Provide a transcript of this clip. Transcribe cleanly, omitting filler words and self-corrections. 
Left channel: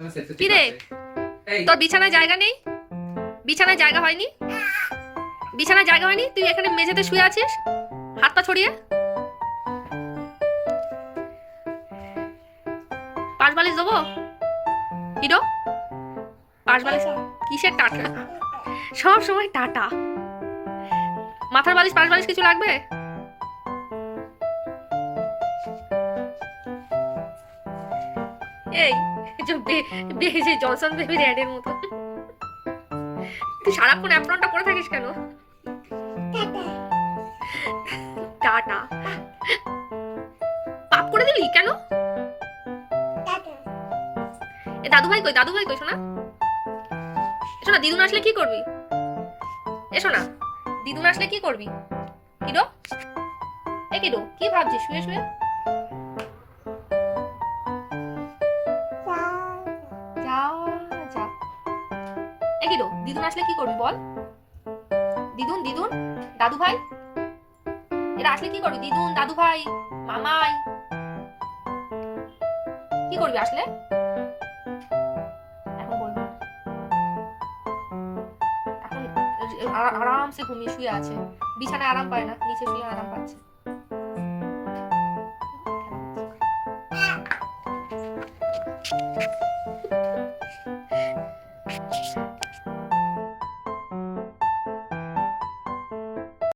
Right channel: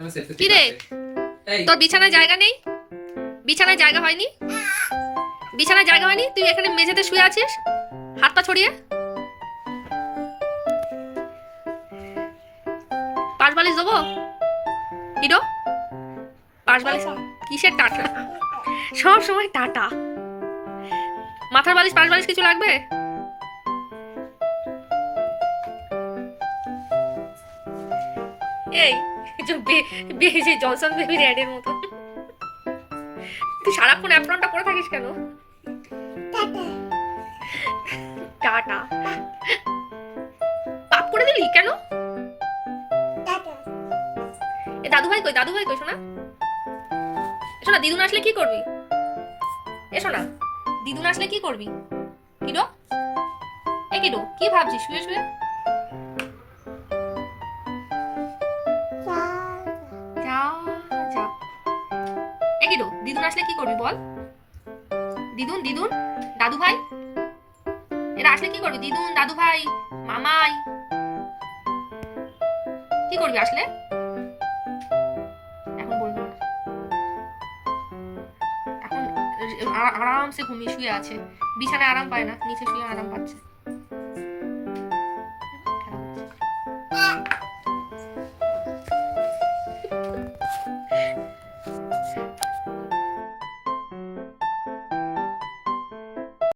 কি রে, তোর বিছানায় জায়গা নেই? বিছানায় জায়গা হয়নি? বিছানায় জায়গা হয়নি? তুই এখানে মেঝেতে শুয়ে আছিস হাত পা ছড়িয়ে। পাশ বালিশ দেবো? হিরো, পাশ বালিশ কিসের টাটা? সব সময় টাটা। মাথার বালিশ পাশ বালিশ কিছু লাগবে? এই যে জনসন বেবির অ্যাডের মতো তুই সারাক্ষণ অ্যাপ্রনটা পরে থাকিস কেন? টাটা পাপ করে দিলি কেন? এ দাদু ভাই কই? দাদু ভাই কই শোনা? এসো না, দিদুন আসলে কি করবি? এসো না, দিদুন আসলে কি করবি? কিরো, এ কিরো, কি ভাবছিস শুয়ে শুয়ে? যা যা। এ কিরো, দিদুন আসলে কি করবি বল? দিদুন, দিদুন, দাদু ভাই, এরা আসলে কি করবি? দিদুন, দাদু ভাই, মামাই, কি করবি আসলে? এখন বলবো না, এখন আরামসে ঘুমিয়ে শুয়ে আছে, বিছানায় আরাম পায় না, নিচে শুয়ে আরাম পাচ্ছে।